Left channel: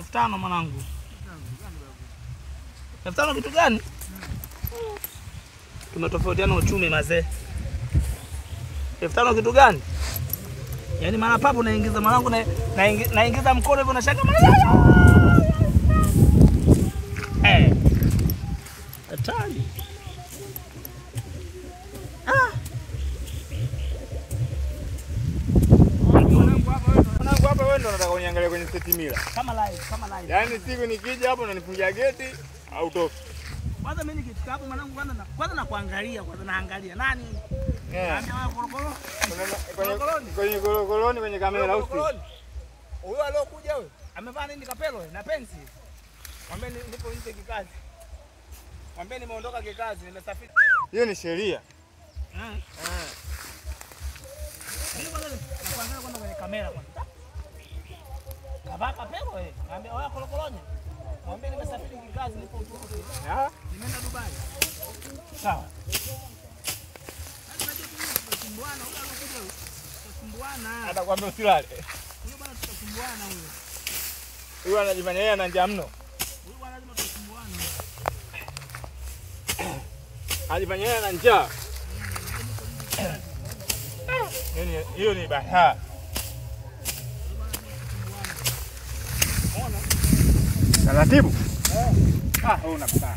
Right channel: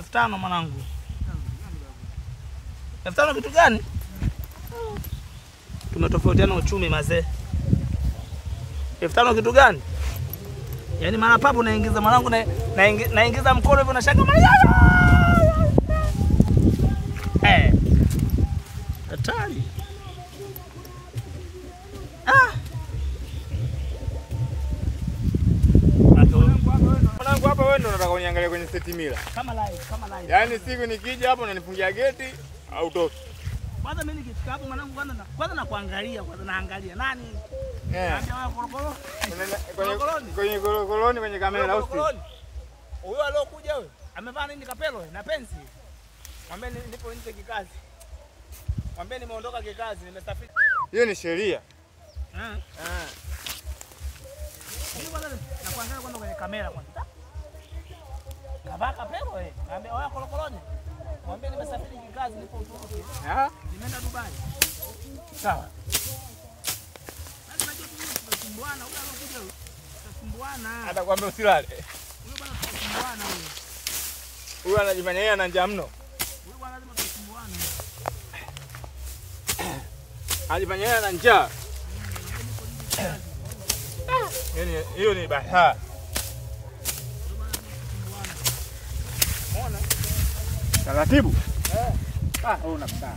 5,000 mwanangu. 5,000 kitu gani? Tumetofautiana uchumi mazee. 5,000 kitu gani? Yaani mara papo naingiza mwanangu naingiza mkono hivyo na shaka mara. Hatari. Mwanangu hapa wewe ndio unataka uniangalie kwenye setimila. Kama live. Yaani siku nikija hapo unanifungia geti au toki. Kwanza mimi nikifika hapo mwanangu kwanza na kuangalia, kwanza naangalia nani? Kwenye koloni kwenye kamera au si? Huyo aliyokuja wewe amevaa nini kapelo na pensi? Mwambie nipo nje kikazi. Mwambie nimeondoka kikazi, nimesafiri. Hiyo ni sheria. Mimi kwanza na kuangalia kwanza kwenye kamera kwanza. Kavaa kapelo wewe. Mwambie oya kolokolonya. Mwambie nimesafiri kikazi, nipo Uturuki. Nimeenda Dubai. Sawa. Lazima tutasumbuana, huyo alokuja huyo. Tutasumbuana. Atakwambia usilale. Huyo bwana tutasumbuana huyo. Huyo anajifanya yeye ana njaa mno. Huyo bwana lazima tutasumbuana. Anajifanya yeye ana njaa. Hiyo ni bahaa. Taratibu. Wewe unapata.